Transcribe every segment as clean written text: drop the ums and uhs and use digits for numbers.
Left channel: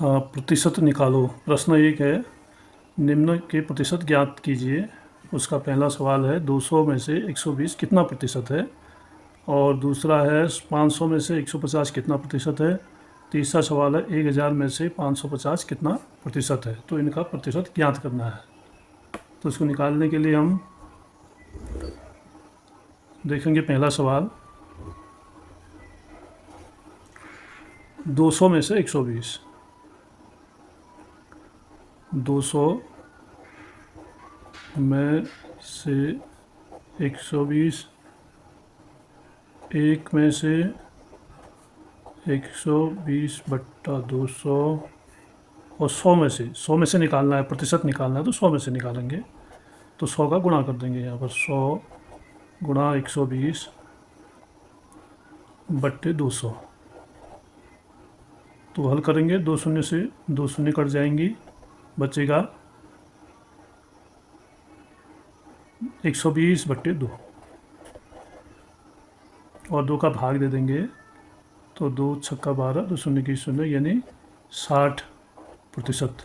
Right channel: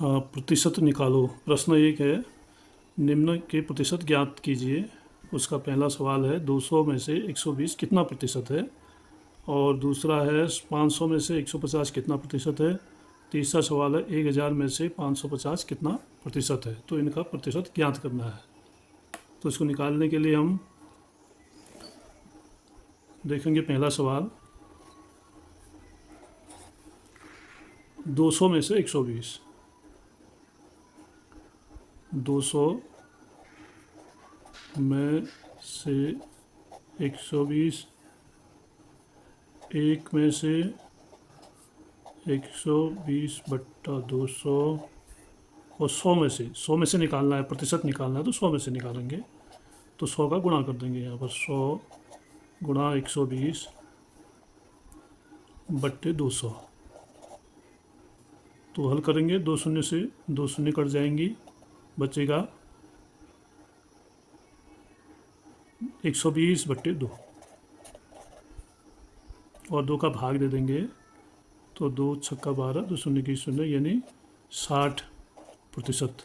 प्रतिशत निकालो। प्रश्न एक है, निम्न के प्रतिशत ज्ञात कीजिए। उसका पहला सवाल है 200 में से 120 कितना प्रतिशत है, और दूसरा है 500 में से 150 कितना प्रतिशत है। तीसरा सवाल है 1000 में से 550 कितना प्रतिशत है। तो इनका प्रतिशत ज्ञात करना है। तो इसको निकालने के लिए हम देखेंगे पहला सवाल, 200 में से 120। 200 में से 120, एक में से 120 बट्टा 200 और 100 में से निकालना है, प्रतिशत निकालना है, तो 100 में से निकालेंगे। तो 100 का गुणा कर देंगे यहाँ पर, 100 गुणा 120 बट्टे 200। तो हल करेंगे, 2 शून्य से 2 शून्य कट जाएंगी, बचेगा 120 बट्टे 2 और 2 का भाग दे देंगे। तो 2 छक्का 12, 2 शून्य की शून्य, यानी 60%।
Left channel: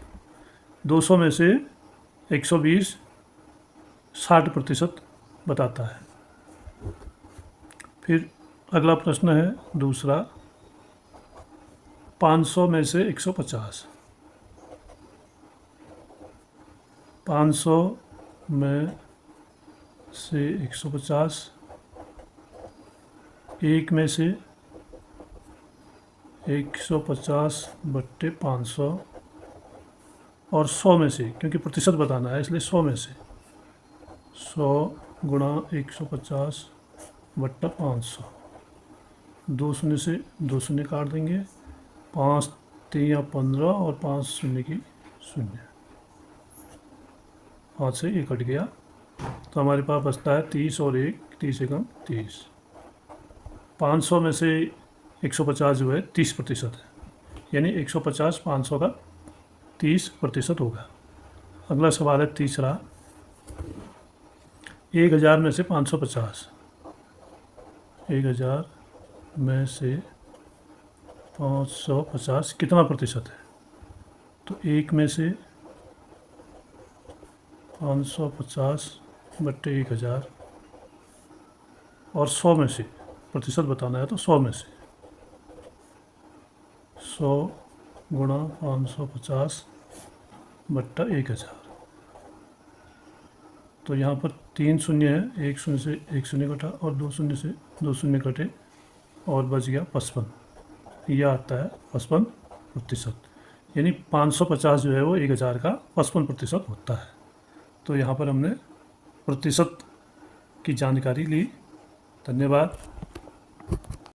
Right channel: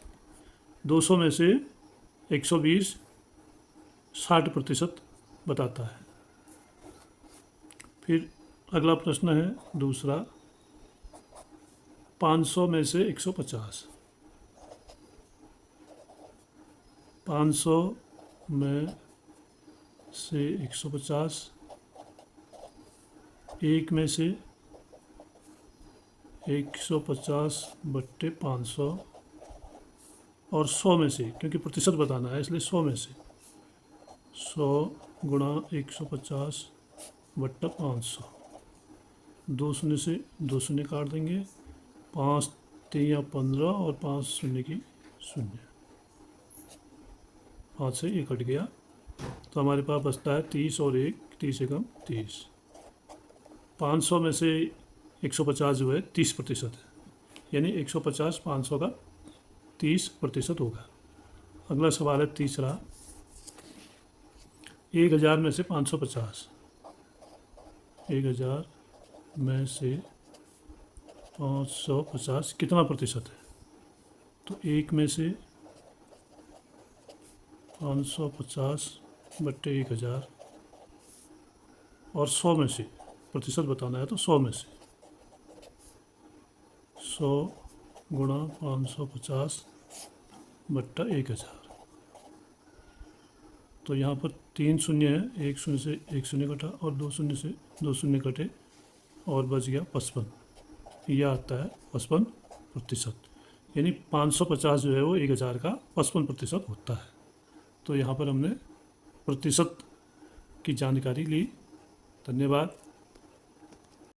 200 में से 120 60% बताता है। फिर अगला प्रश्न है दूसरा, 500 में से 150। 500 में से 150, एक में से 150 बट्टे 500 और 100 में से, क्योंकि प्रतिशत बताना है इसलिए 100 में से 100 गुणा 150 बट्टा 500। 2 शून्य से 2 शून्य काट देंगे, 5 3 15 और 5 शून्य की शून्य, 5 से ये कट गया। तो हमारे पास बचता है 30 और 1, 30 एकम 30। 500 में से 150 जो है 30% है, यानी 150 500 का 30% होगा। अगला सवाल है तीसरा, 1000 में से 550। 1000 में से 550 कितना प्रतिशत है। तो 1 में से 550 बट्टे 1000 और 100 में से, प्रतिशत बताना है तो 100 में से 100 गुणा 550 बट्टा 1000। तो यहाँ पर 3 शून्य है, 1 शून्य से 1 शून्य कटा और 2 शून्य से 2 शून्य कटे और बच गया 55। यह आता है 55%, यानी 550 जो है वो 1000 का 55% होता है। तो यहाँ पर हमने प्रतिशत की जानकारी ली। धन्यवाद।